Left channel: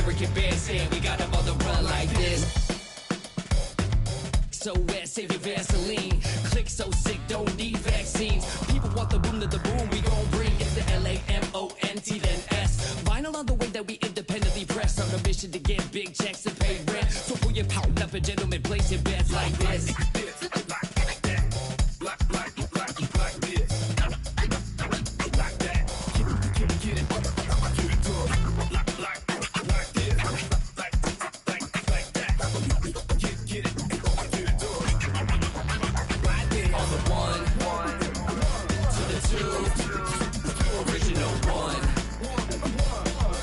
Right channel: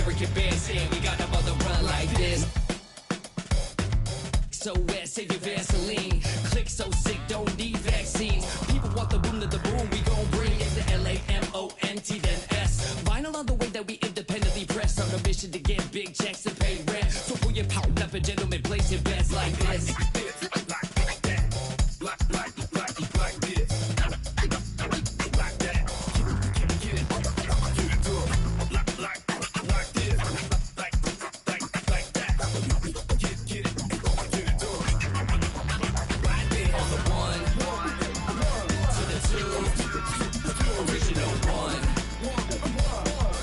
American bandstand, we got them on the run like this. So wet, save your Vaseline. Click so sick, don't need vaccines. People want the boom to the boom, we gon' bring it to L-A-M-O-N-T then S. Vinyl on the way that we independently press. On a mission to get big checks and pay rent. So pull your power up and gentlemen, place your bets like this.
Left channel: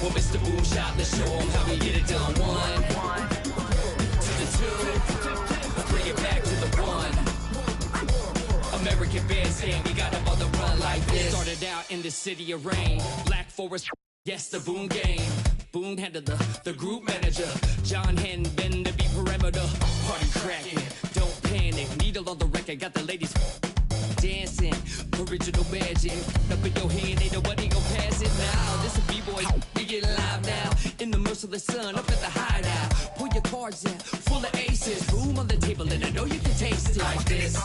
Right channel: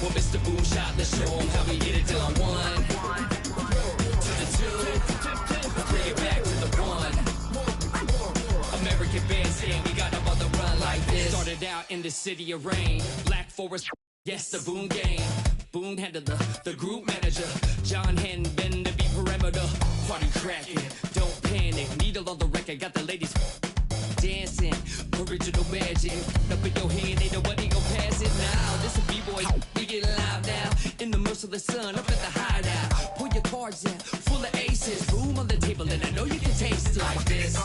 Mr. Boom Shot, let's show him how we get it done. 1 to the 2, bring it back to the 1. American bandstand, we got them on the run like this. Started out in the city of rain, Black Forest, yes, the Boom Gang. Boom handled the group manager, John Henn, been to be perimeter. Party cracking, don't panic, needle on the record, got the ladies dancing, original magic. Up in your hand, ain't nobody gon' pass it now. This a B-boy, we get live now. In the merciless sun, up at the hideout. Pull your cards out, full of aces. Boom on the table, and I know you can taste it like this.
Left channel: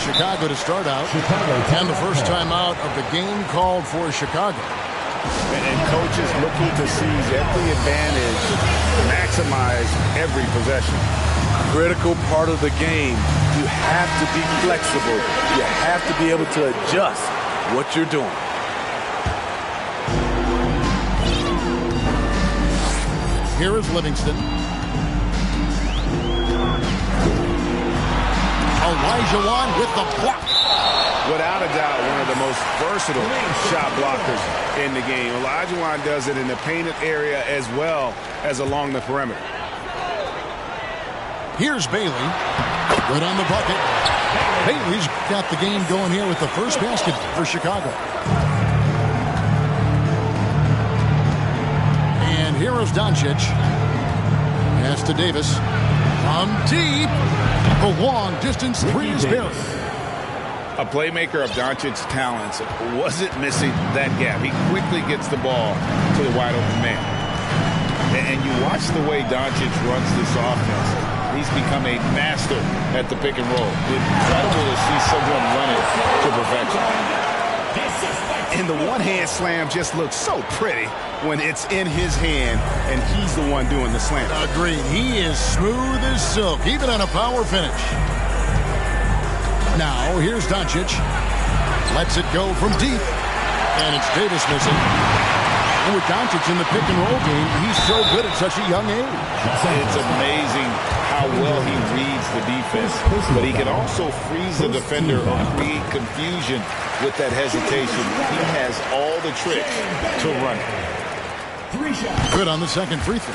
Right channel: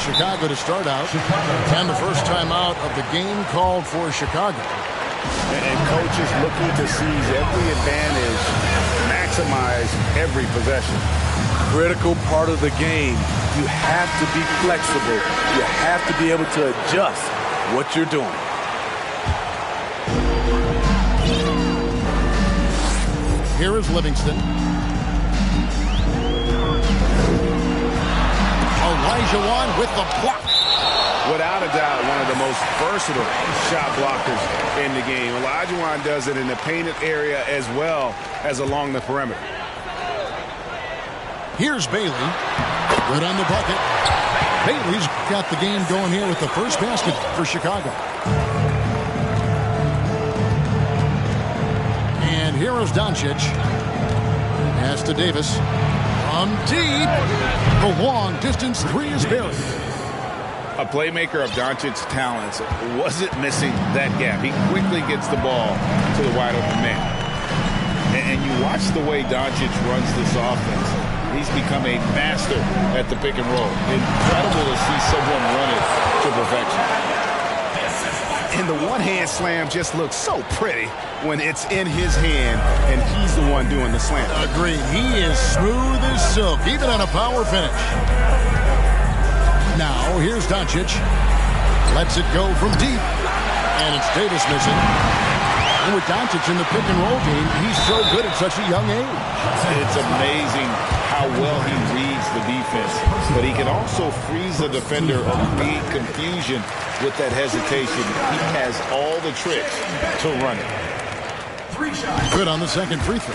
Chicago to start out, and the first time out of the game called for Chicago. And coach is looking to seize every advantage, maximize every possession. Critical part of the game. You have to be flexible. You have to be able to adjust what you're doing. Here is Livingston. Olajuwon with the block. Without a doubt, one of the most versatile shot blockers in the game. Olajuwon does it in the painted area as well as along the perimeter. Here's Bailey. Good on the bucket. Bailey's got the game going here with the first basket for Chicago. And here is Doncic. Pass to Davis. From deep. The long-distance three is buried. A playmaker of Doncic's talents wasn't missing that gap. He quickly gets the ball to the wide-open man. And you watch the way Doncic runs this offense. He's become a master at the pick and roll. Incredible to see someone run it to perfection. And the one-hand slam just looks so pretty when it's in his hand and he's the one doing the slam. Agreed. He is smooth as silk, even on a power finish. Now, here's Doncic. Lets it go from deep. And it's Davis missing. And with Doncic in the pick-and-roll game, he's so good at such a young age. It's amazing how well he reads the defense. But he can also freeze the defender or create confusion with that hesitation. He has all the tricks to run it. Good on the second free throw.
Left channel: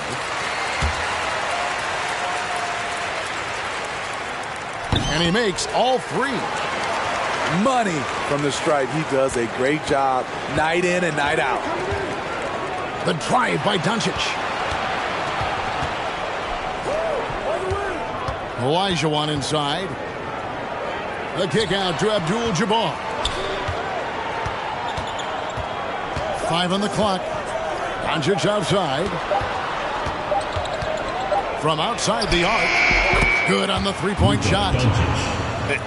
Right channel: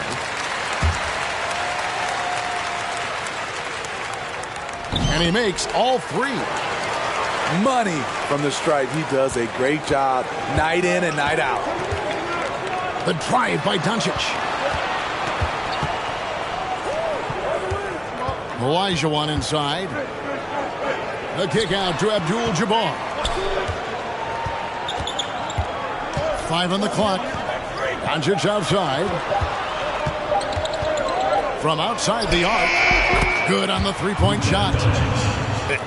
And he makes all three. Money from the stripe. He does a great job night in and night out. The drive by Doncic. Olajuwon inside. The kick out to Abdul-Jabbar. 5 on the clock. Doncic outside. From outside the arc. Good on the three-point shot.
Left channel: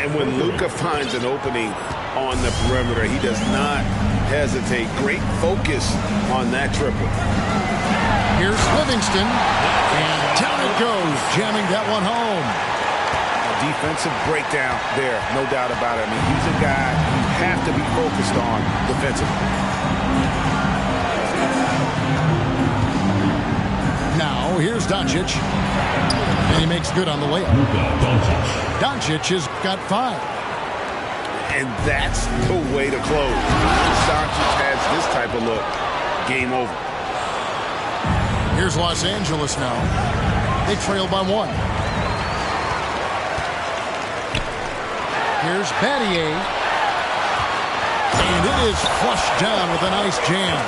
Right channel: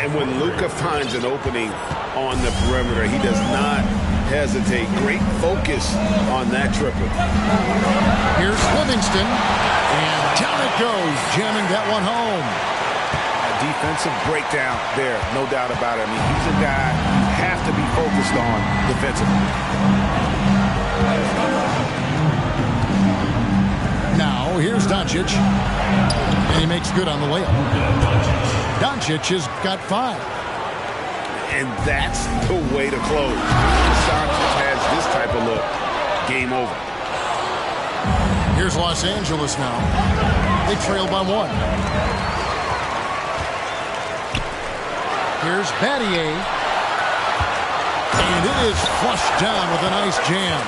And when Luka finds an opening on the perimeter, he does not hesitate. Great focus on that triple. Here's Livingston. And down it goes, jamming that one home. A defensive breakdown there, no doubt about it. I mean, he's a guy you have to be focused on defensively. Now, here's Doncic. And he makes good on the layup. Doncic has got 5. And that's the way to close. Once Doncic has this type of look, game over. Here's Los Angeles now. They trail by 1. Here's Battier. And it is flushed down with a nice jam.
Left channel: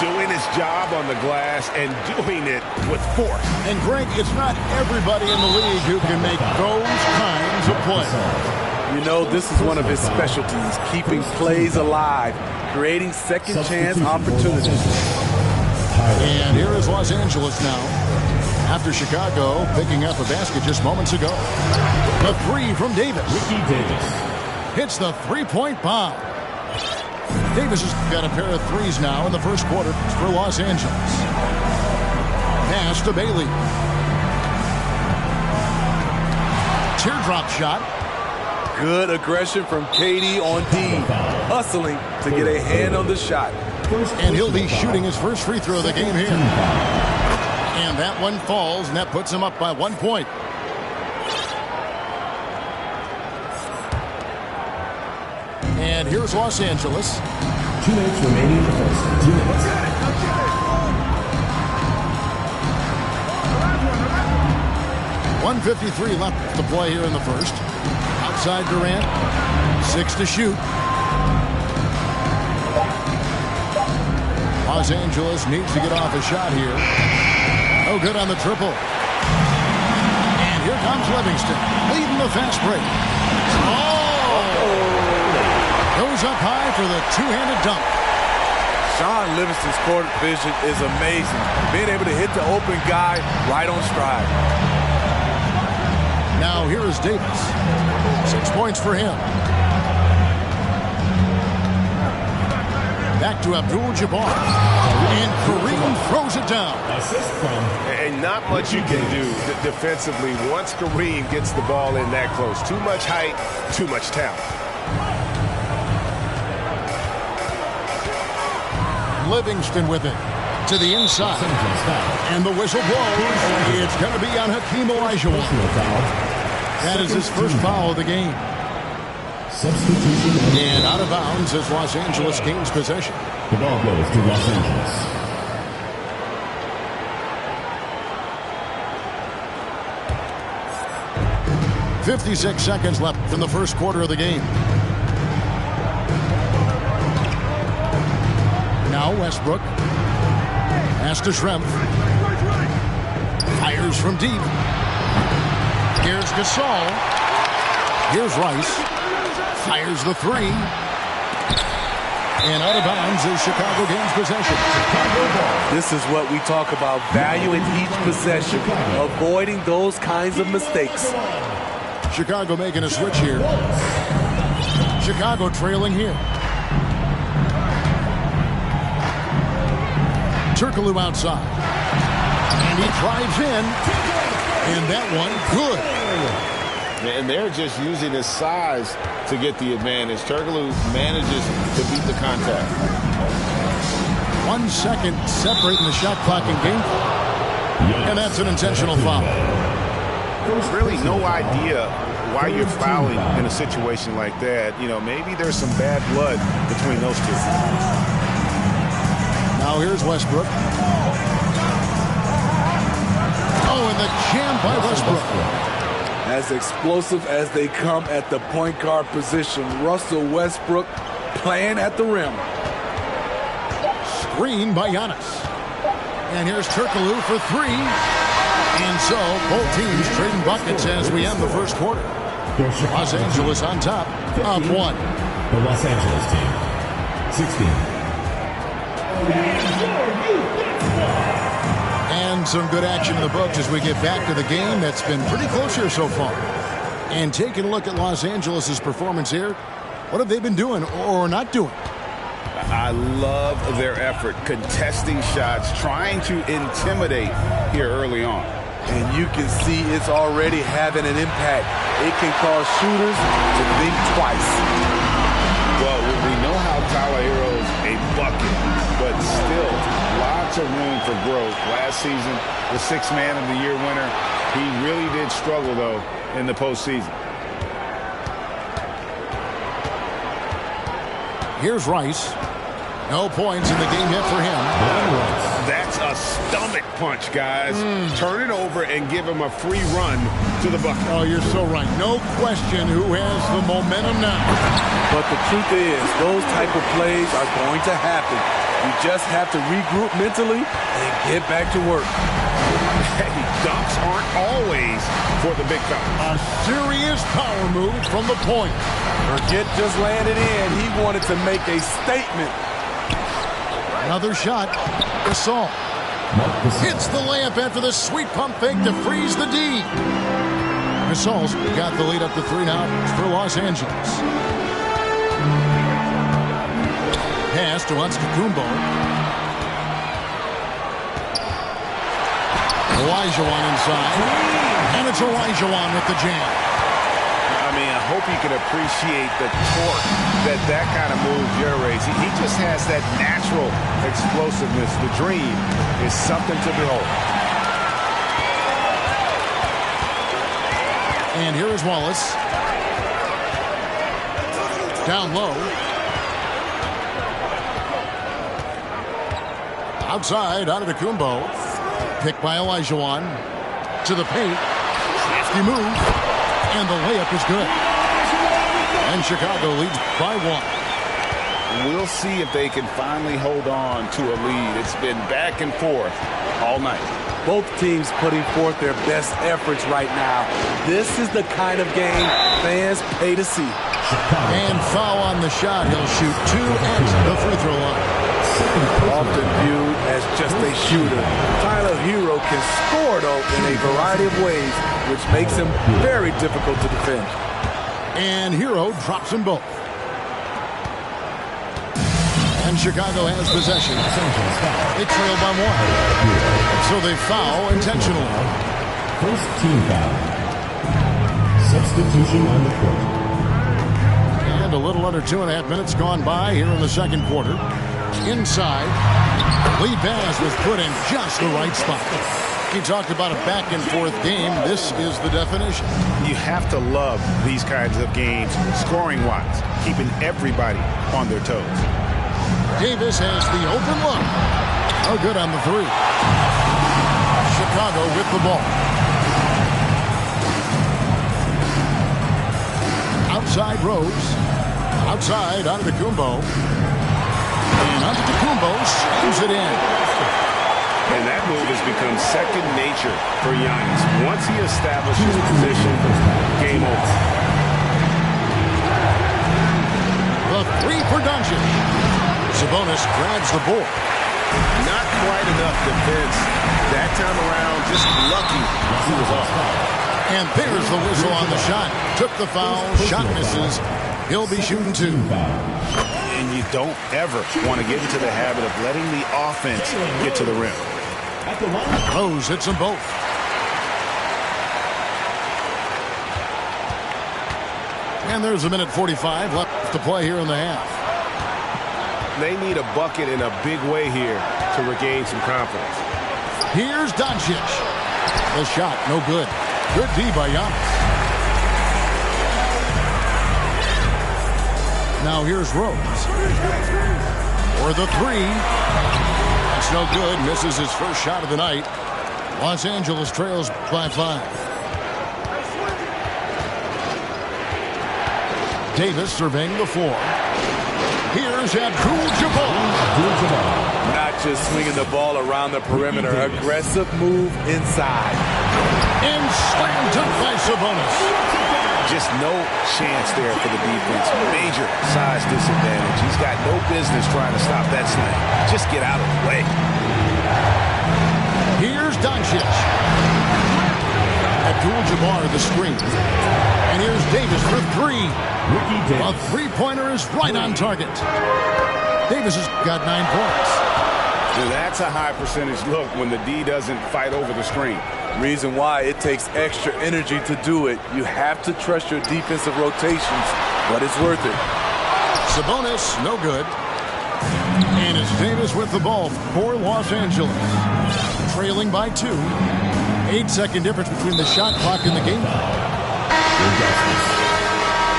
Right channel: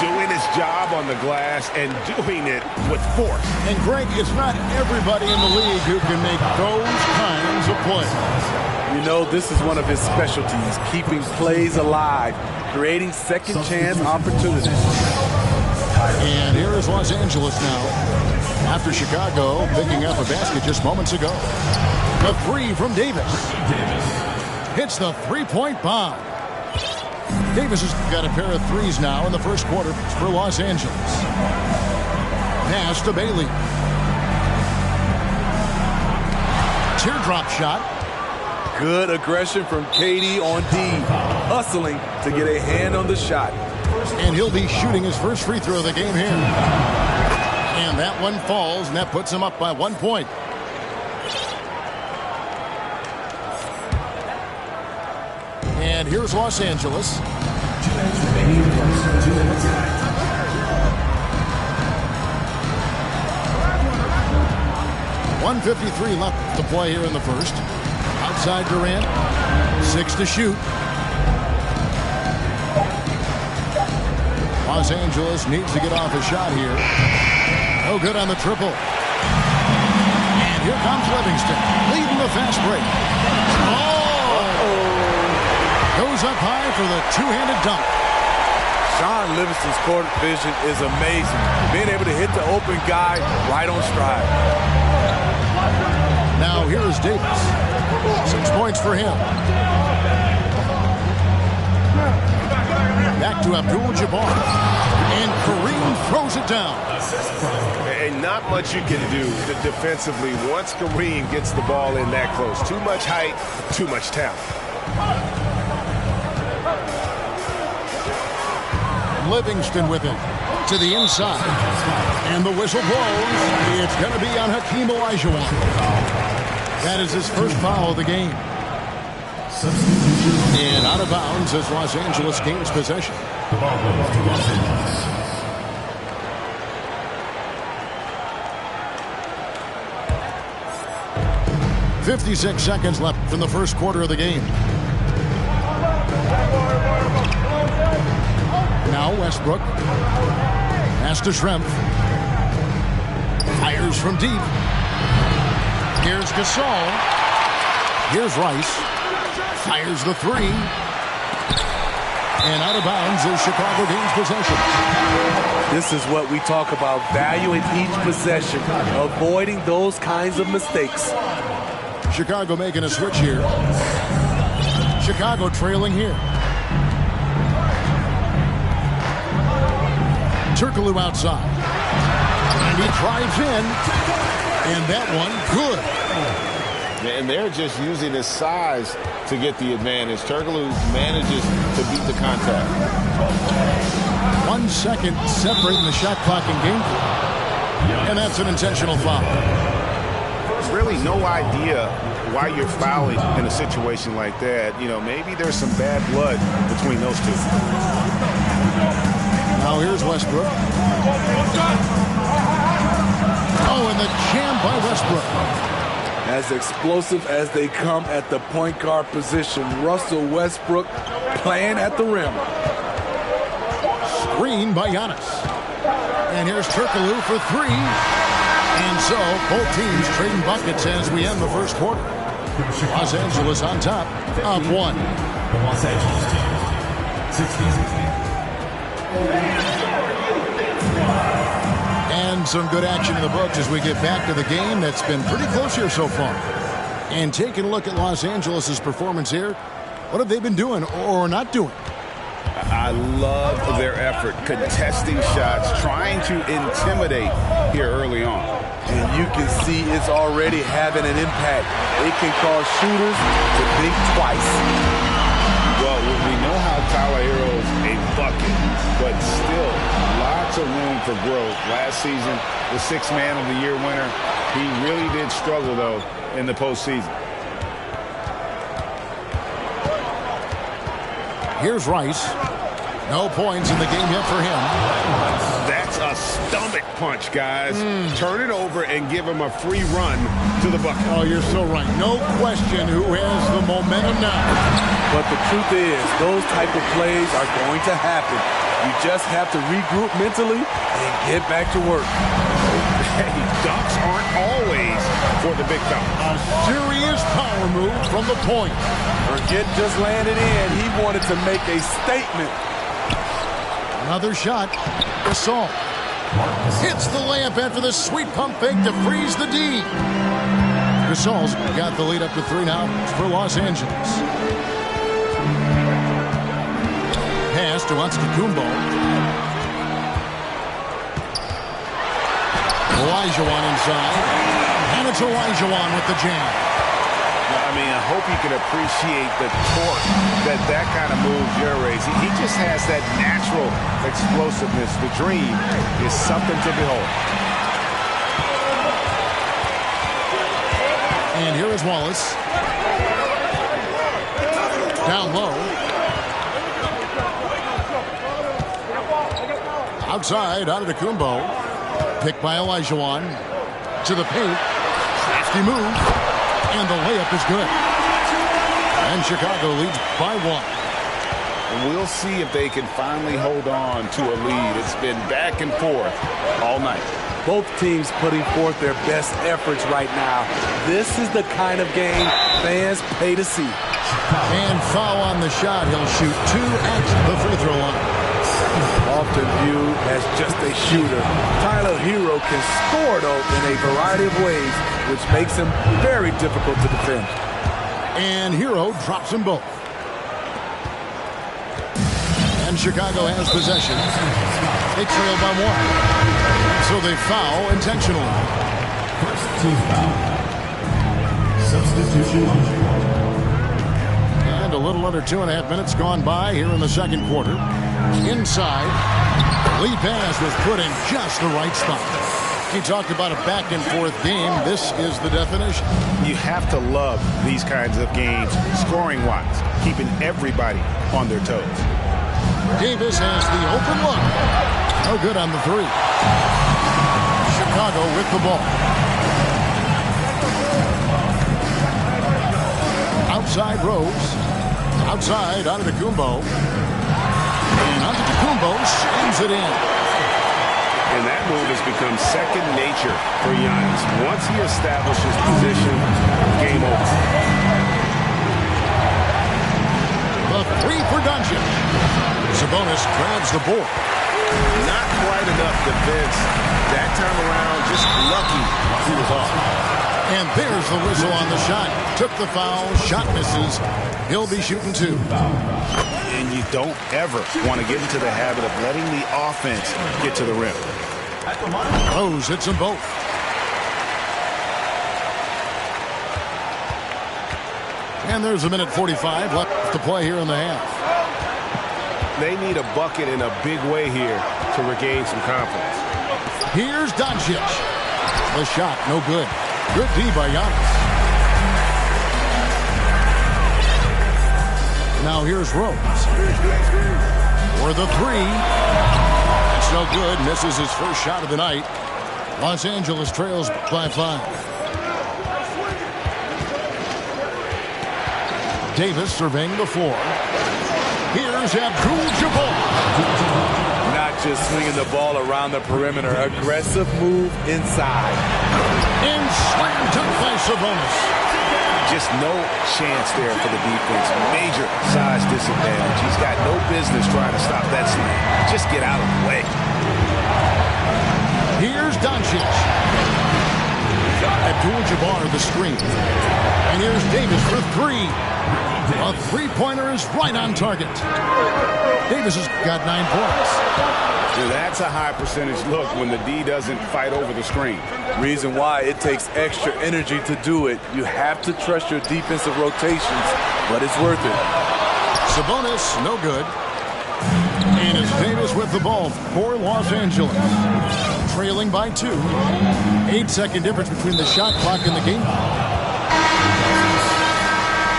Doing his job on the glass and doing it with force. And Greg, it's not everybody in the league who can make those kinds of plays. You know, this is one of his specialties, keeping plays alive, creating second chance opportunities. And here is Los Angeles now. After Chicago picking up a basket just moments ago. The 3 from Davis. Hits the three-point bomb. Davis has got a pair of threes now in the first quarter for Los Angeles. Pass to Bailey. Teardrop shot. Good aggression from KD on D. Hustling to get a hand on the shot. And he'll be shooting his first free throw of the game here. And that one falls, and that puts him up by 1 point. And here's Los Angeles. 2 minutes remaining in the first. 2 minutes. 1:53 left to play here in the first. Outside Durant. 6 to shoot. Los Angeles needs to get off a shot here. No good on the triple. And here comes Livingston, leading the fast break. Goes up high for the two-handed dunk. Shaun Livingston's court vision is amazing. Being able to hit the open guy right on stride. Now here is Davis. 6 points for him. Back to Abdul-Jabbar. And Kareem throws it down. And not much you can do defensively once Kareem gets the ball in that close. Too much height, too much talent. Livingston with it to the inside. And the whistle blows. It's going to be on Hakeem Olajuwon. That is his first foul of the game. And out of bounds as Los Angeles gains possession. The ball goes to Los Angeles. .56 seconds left in the first quarter of the game. Now Westbrook. Pass to Schrempf. Fires from deep. Here's Gasol. Here's Rice. Fires the 3. And out of bounds as Chicago gains possession. This is what we talk about, valuing each possession, avoiding those kinds of mistakes. Chicago making a switch here. Chicago trailing here. Turkoglu outside. And he drives in. And that one, good. And they're just using his size to get the advantage. Turkoglu manages to beat the contact. 1 second separating the shot clock and game clock. And that's an intentional foul. There's really no idea why you're fouling in a situation like that. You know, maybe there's some bad blood between those two. Now Now here's Westbrook. Oh, and the jam by Westbrook. As explosive as they come at the point guard position, Russell Westbrook playing at the rim. Screen by Giannis. And here's Turkoglu for three. And so, both teams trading buckets as we end the first quarter. Los Angeles on top, up one. The Los Angeles team, 16. And some good action in the books as we get back to the game that's been pretty close here so far. And taking a look at Los Angeles' performance here, what have they been doing or not doing? I love their effort, contesting shots, trying to intimidate here early on. And you can see it's already having an impact. It can cause shooters to think twice. Well, we know how Tyler Herro's a bucket, but still lots of room for growth. Last season, the Sixth Man of the Year winner, he really did struggle, though, in the postseason. Here's Rice. No points in the game yet for him. That's a stomach punch, guys. Turn it over and give him a free run to the bucket. Oh, you're so right. No question who has the momentum now. But the truth is, those type of plays are going to happen. You just have to regroup mentally and get back to work. Hey, dunks aren't always for the big fella. A serious power move from the point. Forget just landing in. He wanted to make a statement. Another shot. Gasol hits the layup after the sweet pump fake to freeze the D. Gasol's got the lead up to 3 now for Los Angeles. Pass to Antetokounmpo. Olajuwon inside. And it's Olajuwon with the jam. I mean, I hope you can appreciate the torque that kind of move generates. He just has that natural explosiveness. The dream is something to behold. And here is Wallace. Down low. Outside, Antetokounmpo. Picked by Olajuwon. To the paint. Crafty move. And the layup is good. And Chicago leads by 1. We'll see if they can finally hold on to a lead. It's been back and forth all night. Both teams putting forth their best efforts right now. This is the kind of game fans pay to see. And foul on the shot. He'll shoot 2 at the free throw line. Often viewed as just a shooter, Tyler Herro can score, though, in a variety of ways, which makes him very difficult to defend. And Herro drops them both. And Chicago has possession. They trail by 1. And so they foul intentionally. First team foul. Substitution on the court. And a little under 2.5 minutes gone by here in the second quarter. Inside, Lee Baz was put in just the right spot. He talked about a back-and-forth game. This is the definition. You have to love these kinds of games, scoring-wise, keeping everybody on their toes. Davis has the open look. No good on the 3. Chicago with the ball. Outside Rose. Outside Antetokounmpo. And Antetokounmpo slams it in. And that move has become second nature for Giannis. Once he establishes position, game over. The 3 for Doncic. Sabonis grabs the board. Not quite enough defense. That time around, just lucky he was off. And there's the whistle on the shot. Took the foul, shot misses. He'll be shooting 2. And you don't ever want to get into the habit of letting the offense get to the rim. Rose hits them both. And there's 1:45 left to play here in the half. They need a bucket in a big way here to regain some confidence. Here's Doncic. The shot, no good. Good D by Giannis. Now here's Rose. For the 3. no good. Misses his first shot of the night. Los Angeles trails by 5. Davis surveying the floor. Here's Abdul-Jabbar. Not just swinging the ball around the perimeter. Aggressive move inside. And slam dunk by Sabonis. Just no chance there for the defense. Major size disadvantage. He's got no business trying to stop that slam. Just get out of the way. Here's Doncic. Abdul-Jabbar the screen. And here's Davis for 3. A three-pointer is right on target. Davis has got 9 points. Now that's a high percentage look when the D doesn't fight over the screen. Reason why it takes extra energy to do it. You have to trust your defensive rotations, but it's worth it. Sabonis, no good. And it's Davis with the ball for Los Angeles. Trailing by 2. 8-second difference between the shot clock and the game.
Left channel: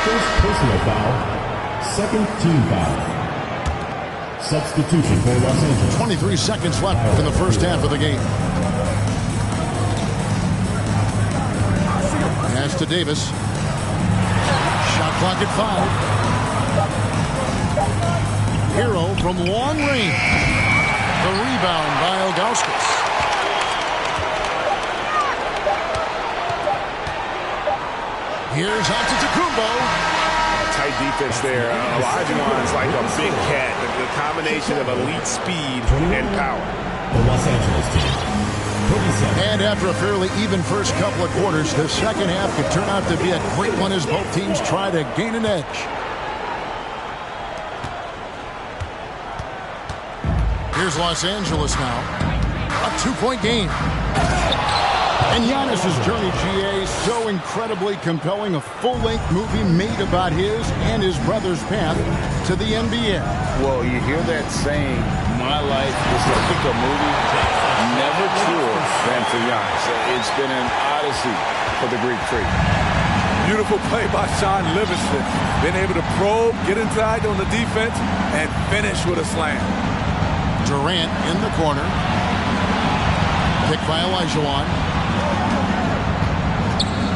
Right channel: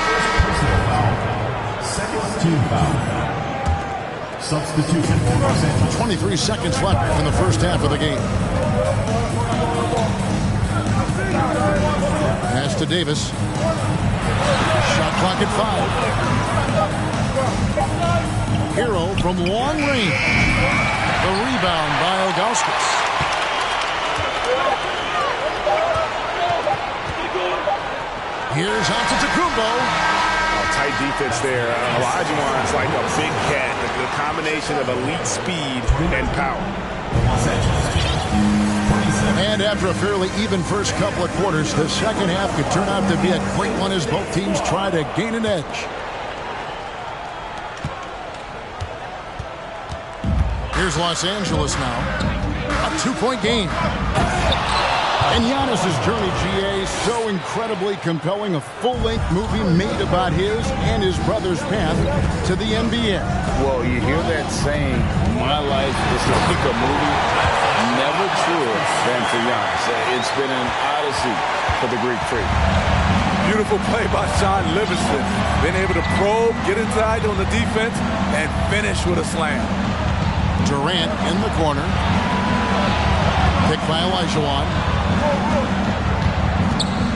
First personal foul. Second team foul. Substitution for Los Angeles. 23 seconds left in the first half of the game. Pass to Davis. Shot clock at 5. Hero from long range. The rebound by Ilgauskas. Here's Antetokounmpo. Tight defense there. Olajuwon's like a big cat. The combination of elite speed and power. The Los Angeles team. 27. And after a fairly even first couple of quarters, the second half could turn out to be a great one as both teams try to gain an edge. Here's Los Angeles now. A 2-point game. And Giannis's journey, GA, so incredibly compelling. A full-length movie made about his and his brother's path to the NBA. Well, you hear that saying, my life is like a movie. Never truer than for Giannis. It's been an odyssey for the Greek Freak. Beautiful play by Sean Livingston. Been able to probe, get inside on the defense, and finish with a slam. Durant in the corner. Picked by Olajuwon.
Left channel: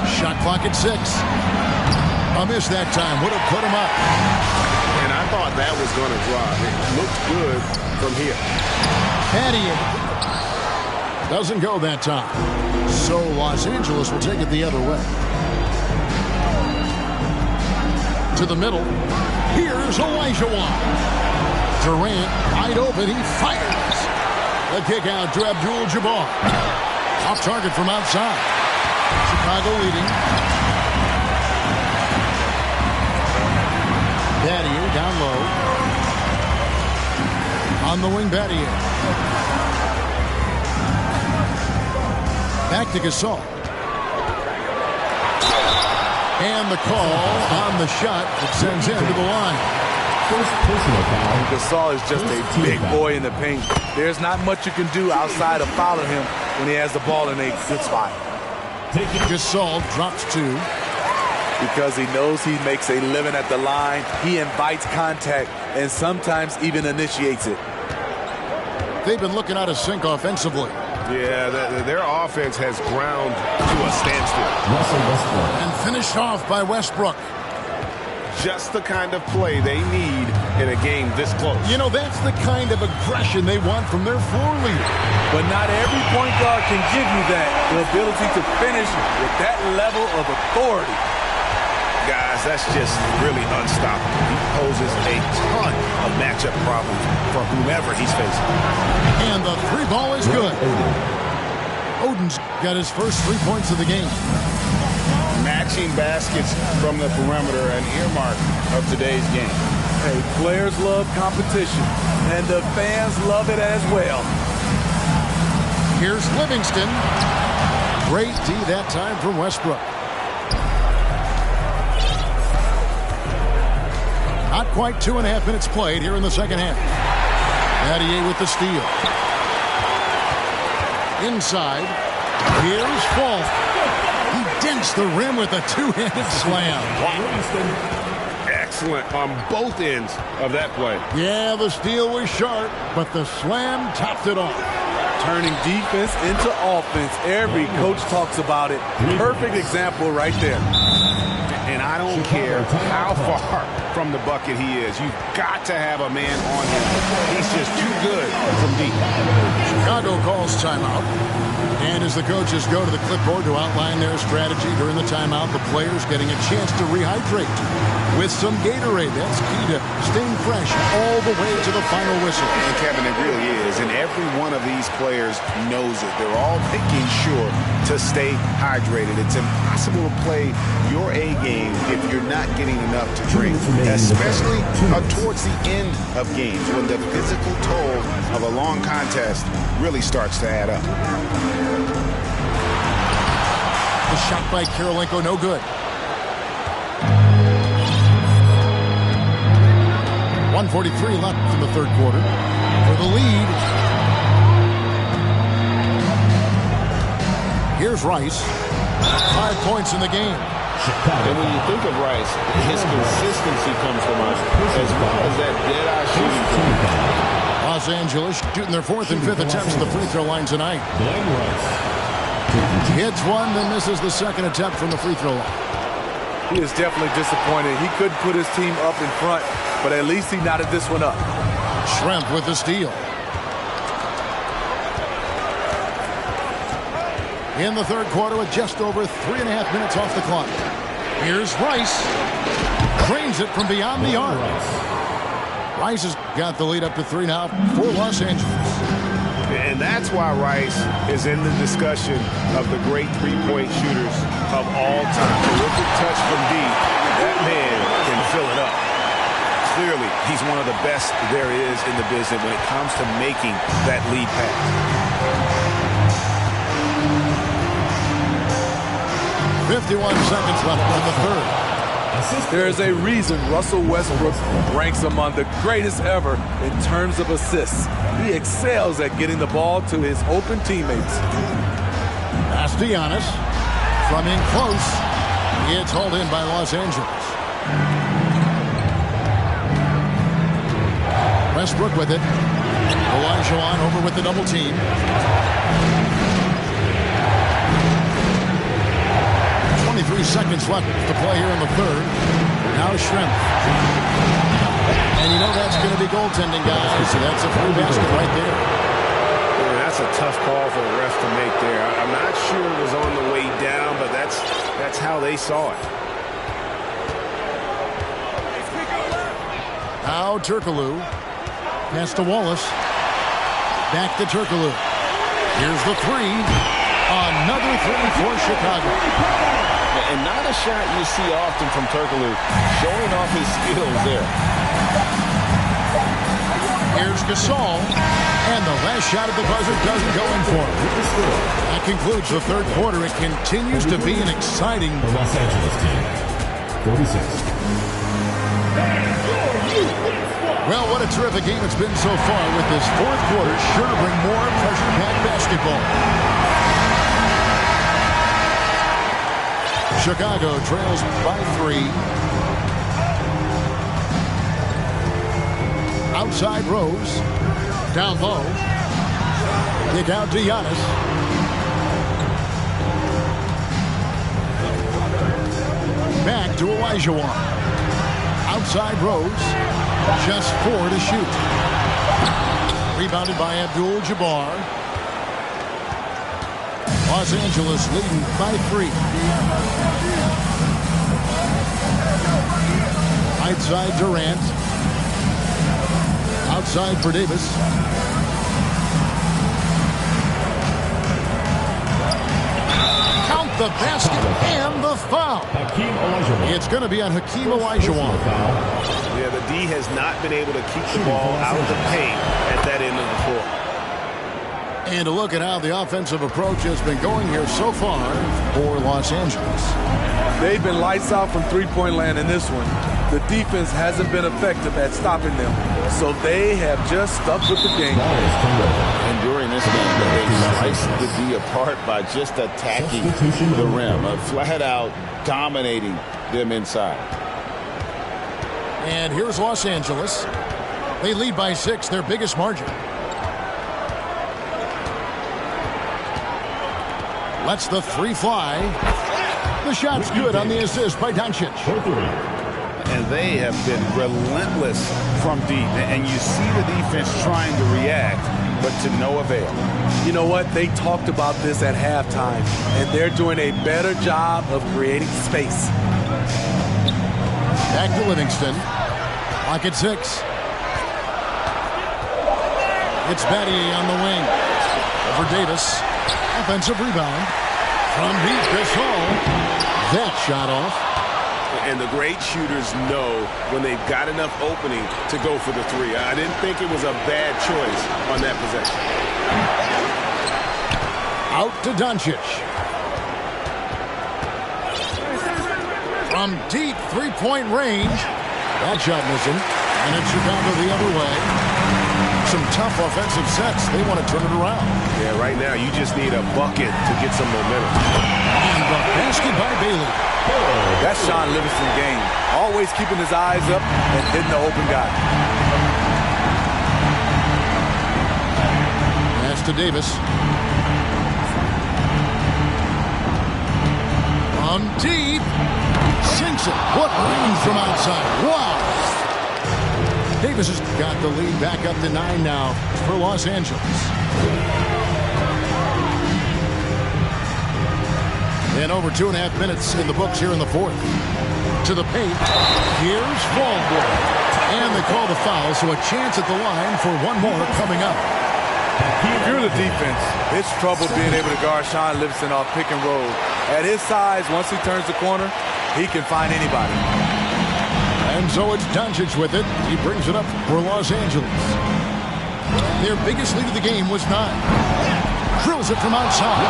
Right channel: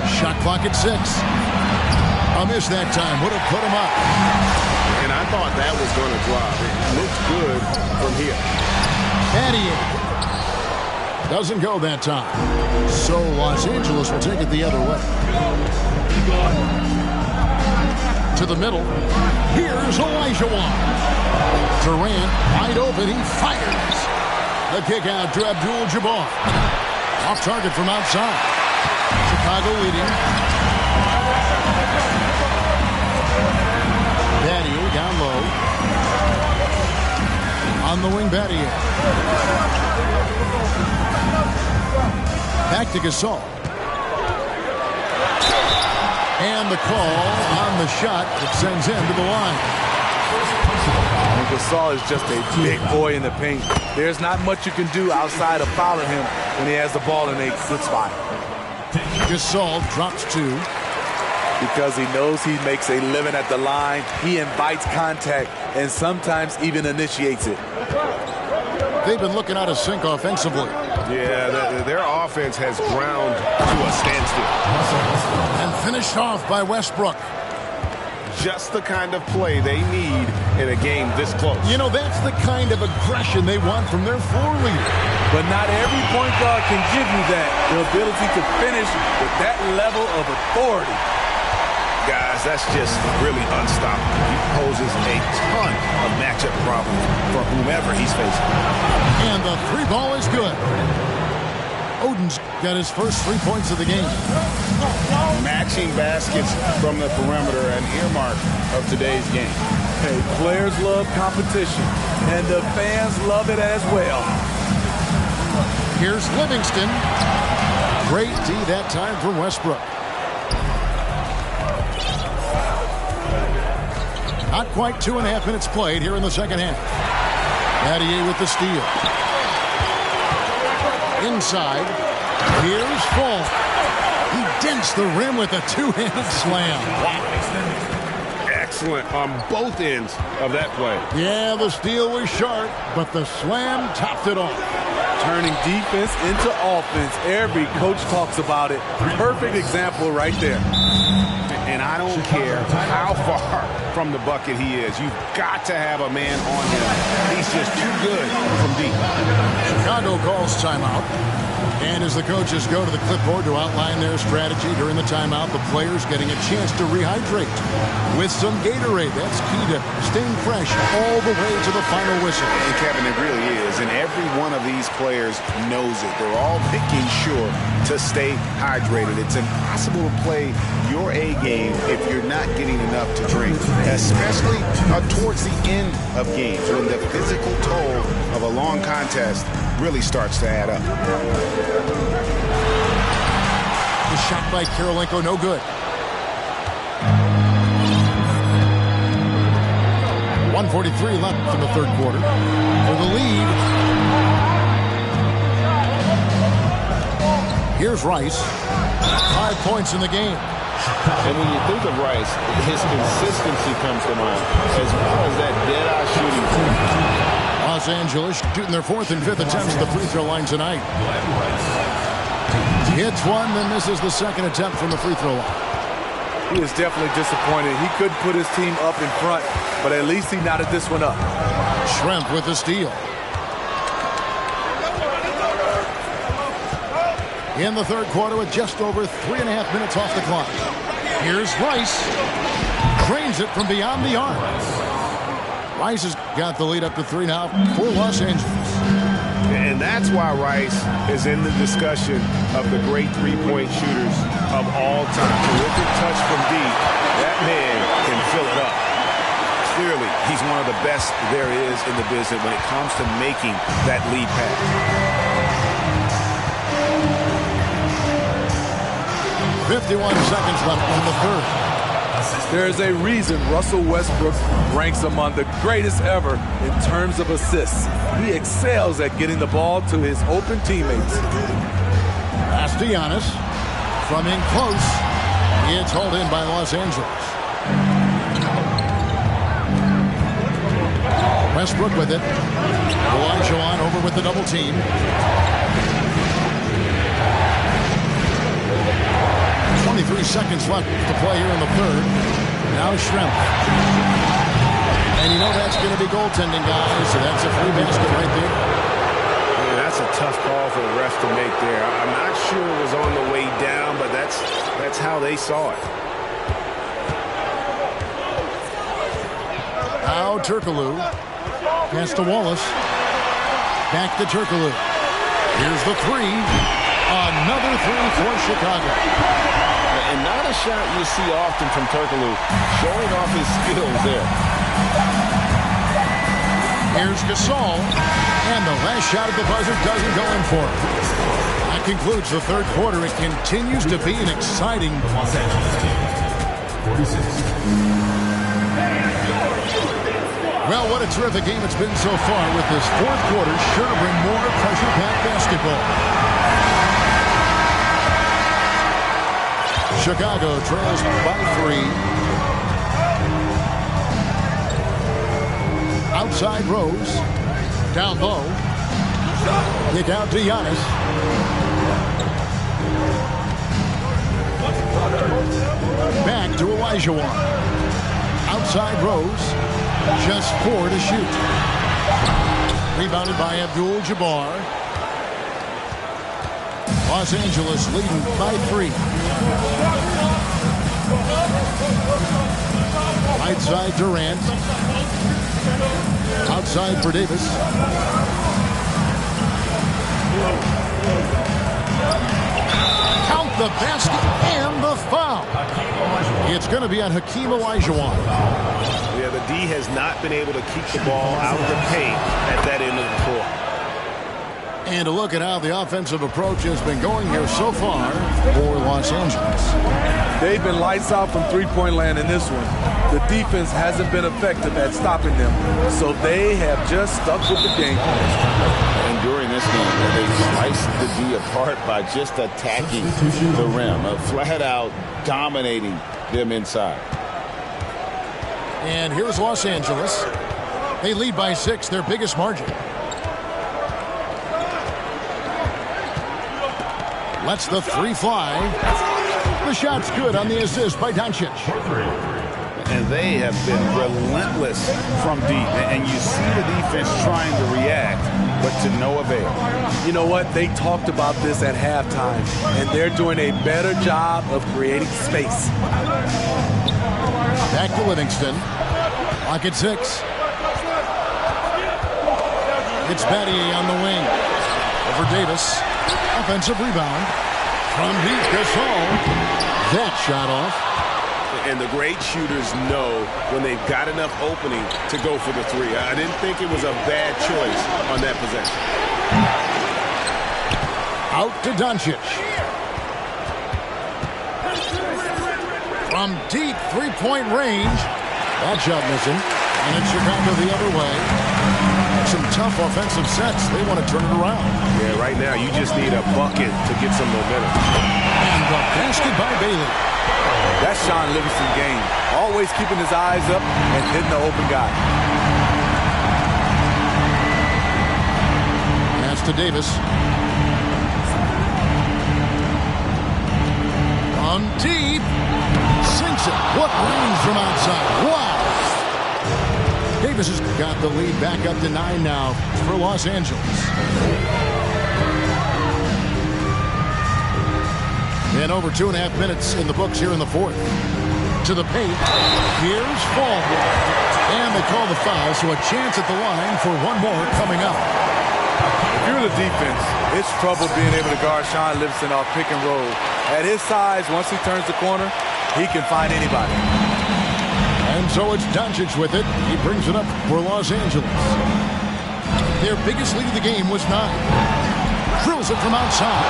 Shot clock at 6. A miss that time would have put him up. And I thought that was going to drop. It looked good from here. Patty doesn't go that time. So Los Angeles will take it the other way. To the middle. Here's Olajuwon. Durant wide open. He fires. The kick out to Abdul-Jabbar. Off target from outside. Chicago leading. Battier down low. On the wing, Battier. Back to Gasol. And the call on the shot that sends him to the line. First personal foul. And Gasol is just a big boy in the paint. There's not much you can do outside of fouling him when he has the ball in a good spot. Gasol drops 2. Because he knows he makes a living at the line, he invites contact and sometimes even initiates it. They've been looking out of sync offensively. Yeah, their offense has ground to a standstill. Russell Westbrook. And finished off by Westbrook. Just the kind of play they need in a game this close. You know, that's the kind of aggression they want from their floor leader. But not every point guard can give you that, the ability to finish with that level of authority. Guys, that's just really unstoppable. He poses a ton of matchup problems for whomever he's facing. And the 3 ball is good. Oden's got his first 3 points of the game. Matching baskets from the perimeter, an earmark of today's game. Hey, players love competition, and the fans love it as well. Here's Livingston. Great D that time from Westbrook. Not quite 2.5 minutes played here in the second half. Battier with the steal. Inside. Here's Fall. He dents the rim with a 2-handed slam. excellent on both ends of that play. Yeah, the steal was sharp, but the slam topped it off. Turning defense into offense. Every coach talks about it. Perfect example right there. And I don't care how far from the bucket he is. You've got to have a man on him. He's just too good from deep. Chicago calls timeout. And as the coaches go to the clipboard to outline their strategy during the timeout, the players getting a chance to rehydrate with some Gatorade. That's key to staying fresh all the way to the final whistle. And Kevin, it really is. And every one of these players knows it. They're all making sure to stay hydrated. It's impossible to play your A game if you're not getting enough to drink, especially towards the end of games when the physical toll of a long contest really starts to add up. The shot by Kirilenko, no good. 1:43 left in the third quarter for the lead. Here's Rice. 5 points in the game. And when you think of Rice, his consistency comes to mind, as well as that dead-eye shooting form. Los Angeles shooting their 4th and 5th attempts at the free throw line tonight. Hits one, then misses the second attempt from the free throw line. He is definitely disappointed. He couldn't put his team up in front, but at least he knotted this one up. Schrempf with the steal. In the third quarter with just over 3.5 minutes off the clock. Here's Rice. Cranes it from beyond the arc. Rice has got the lead up to 3 now for Los Angeles. And that's why Rice is in the discussion of the great three-point shooters of all time. Terrific touch from deep. That man can fill it up. Clearly, he's one of the best there is in the business when it comes to making that lead pass. .51 seconds left in the third. There's a reason Russell Westbrook ranks among the greatest ever in terms of assists. He excels at getting the ball to his open teammates. Pass to Giannis. From in close. It's hauled in by Los Angeles. Westbrook with it. Olajuwon over with the double team. .23 seconds left to play here in the third. Now Schrempf. And you know that's going to be goaltending, guys, so that's a free basket right there. Yeah, that's a tough call for the refs to make there. I'm not sure it was on the way down, but that's how they saw it. Now Turkoglu. Pass to Wallace. Back to Turkoglu. Here's the three. Another three for Chicago. And not a shot you see often from Turkoglu, showing off his skills there. Here's Gasol, and the last shot at the buzzer doesn't go in for him. That concludes the third quarter. It continues to be an exciting... The Los Angeles team, 46. Well, what a terrific game it's been so far, with this fourth quarter sure to bring more pressure-packed basketball. Chicago trails by 3. Outside Rose. Down low. Kick out to Giannis. Back to Olajuwon. Outside Rose. Just 4 to shoot. Rebounded by Abdul-Jabbar. Los Angeles leading by 3. Right side Durant. Outside for Davis. Count the basket and the foul. It's going to be on Hakeem Olajuwon. Yeah, the D has not been able to keep the ball out of the paint at that end of the court. And to look at how the offensive approach has been going here so far for Los Angeles. They've been lights out from three-point land in this one. The defense hasn't been effective at stopping them, so they have just stuck with the game plan. And during this game, they sliced the D apart by just attacking the rim, flat out dominating them inside. And here's Los Angeles. They lead by 6, their biggest margin. Lets the 3 fly. The shot's good on the assist by Doncic. And they have been relentless from deep. And you see the defense trying to react, but to no avail. You know what? They talked about this at halftime, and they're doing a better job of creating space. Back to Livingston. Clock at 6. It's Battier on the wing. Over Davis. Offensive rebound. From deep, Gasol. That shot off. And the great shooters know when they've got enough opening to go for the 3. I didn't think it was a bad choice on that possession. Out to Doncic. From deep 3-point range. That shot missing. And it's Chicago the other way. Some tough offensive sets. They want to turn it around. Yeah, right now you just need a bucket to get some momentum. And the basket by Bailey. That's Sean Livingston's game. Always keeping his eyes up and hitting the open guy. Pass to Davis. From deep. Sinks it. What range from outside. Wow. Davis has got the lead back up to 9 now for Los Angeles. And over 2.5 minutes in the books here in the 4th. To the paint. Here's Fall. And they call the foul, so a chance at the line for one more coming up. If you're the defense, it's trouble being able to guard Sean Livingston off pick and roll. At his size, once he turns the corner, he can find anybody. And so it's Doncic with it. He brings it up for Los Angeles. Their biggest lead of the game was 9. Drills it from outside.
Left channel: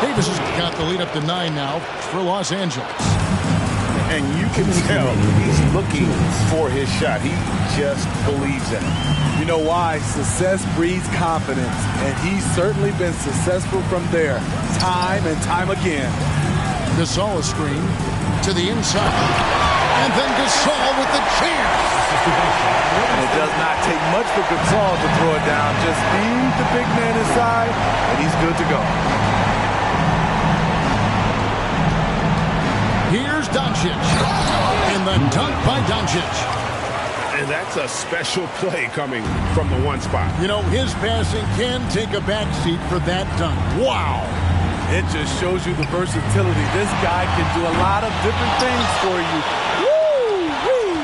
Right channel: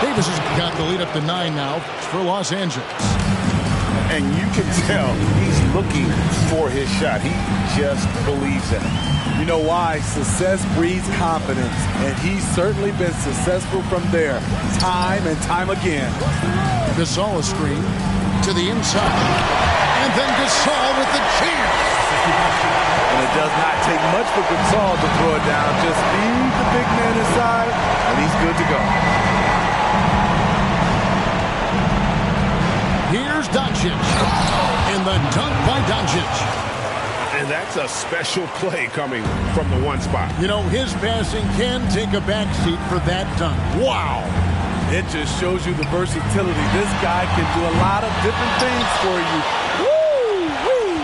Davis has got the lead up to 9 now for Los Angeles. And you can tell he's looking for his shot. He just believes in it. You know why? Success breeds confidence, and he's certainly been successful from there, time and time again. Gasol a screen to the inside, and then Gasol with the chance. And it does not take much for Gasol to throw it down. Just feed the big man inside, and he's good to go. Here's Doncic, and the dunk by Doncic. And that's a special play coming from the one spot. You know, his passing can take a backseat for that dunk. Wow. It just shows you the versatility. This guy can do a lot of different things for you. Woo-wee!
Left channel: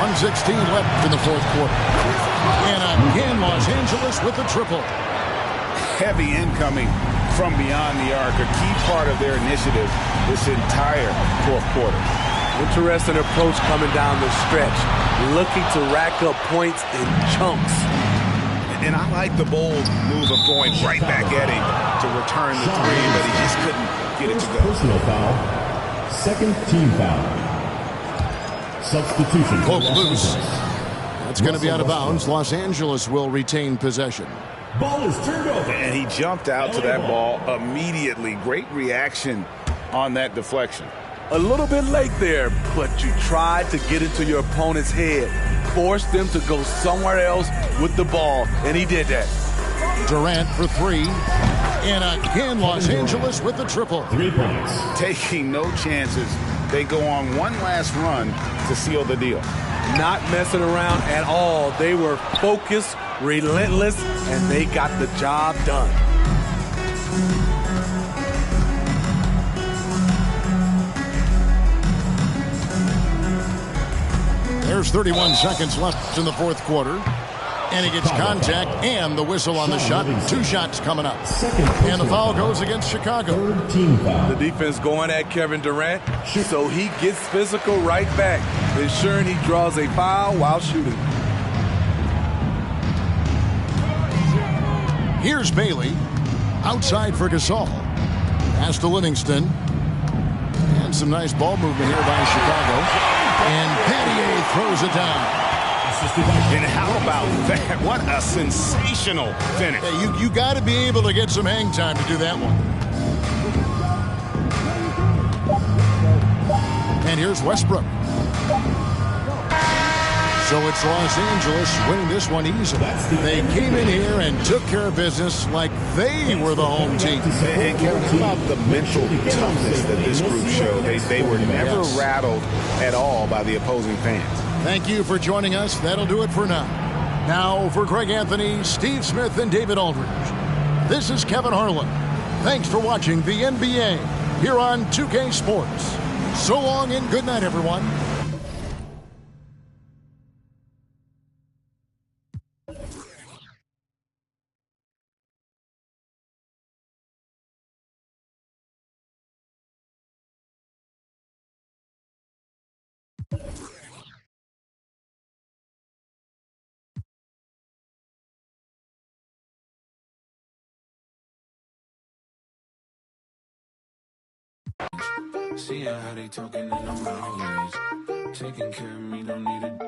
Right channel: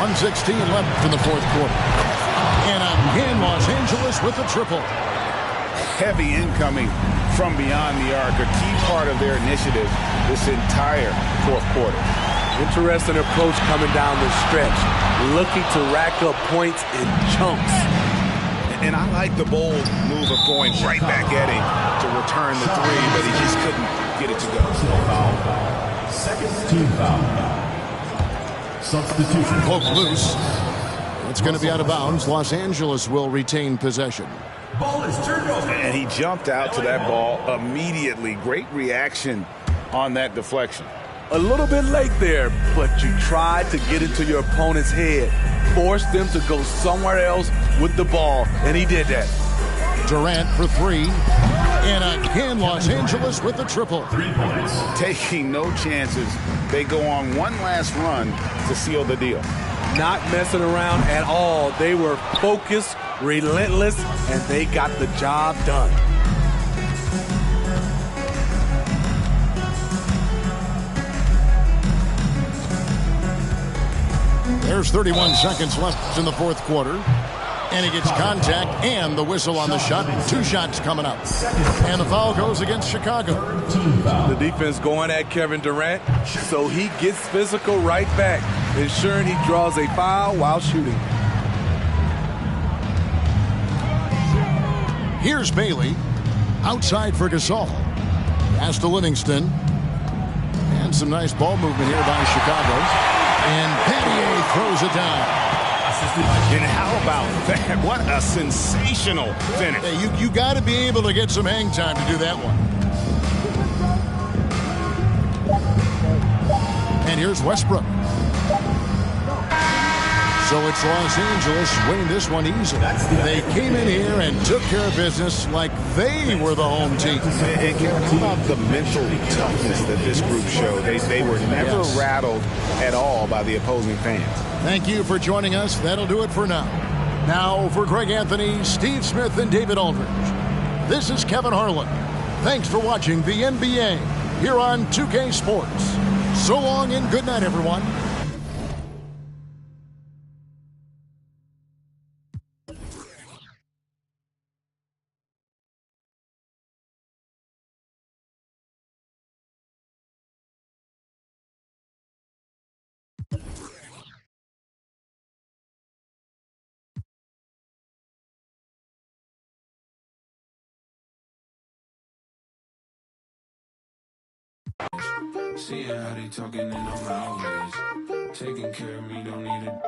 1:16 left in the 4th quarter. And again, Los Angeles with the triple. Heavy incoming from beyond the arc, a key part of their initiative this entire 4th quarter. Interesting approach coming down the stretch, looking to rack up points in chunks. And I like the bold move of going right back at him to return the 3, but he just couldn't get it to go. Personal foul. Second team foul. Substitution. Poke loose. It's going to be out of bounds. Los Angeles will retain possession. Ball is turned over. And he jumped out to that ball immediately. Great reaction on that deflection. A little bit late there, but you tried to get into your opponent's head. Forced them to go somewhere else with the ball, and he did that. Durant for 3. And again, Los Angeles with the triple. 3 points. Taking no chances. They go on one last run to seal the deal. Not messing around at all. They were focused, relentless, and they got the job done. There's 31 seconds left in the 4th quarter. And he gets contact and the whistle on the shot. 2 shots coming up. And the foul goes against Chicago. Third team foul. The defense going at Kevin Durant, so he gets physical right back, ensuring he draws a foul while shooting. Here's Bailey. Outside for Gasol. Pass to Livingston. And some nice ball movement here by Chicago. And Battier throws it down. And how about that? What a sensational finish. Yeah, you got to be able to get some hang time to do that one. And here's Westbrook. So it's Los Angeles winning this one easily. They came in here and took care of business like they were the home team. And Kevin, how about the mental toughness that this group showed? They were never rattled at all by the opposing fans. Thank you for joining us. That'll do it for now. Now for Greg Anthony, Steve Smith, and David Aldridge, this is Kevin Harlan. Thanks for watching the NBA here on 2K Sports. So long and good night, everyone. Seeing how they talking and I'm always taking care of me, don't need a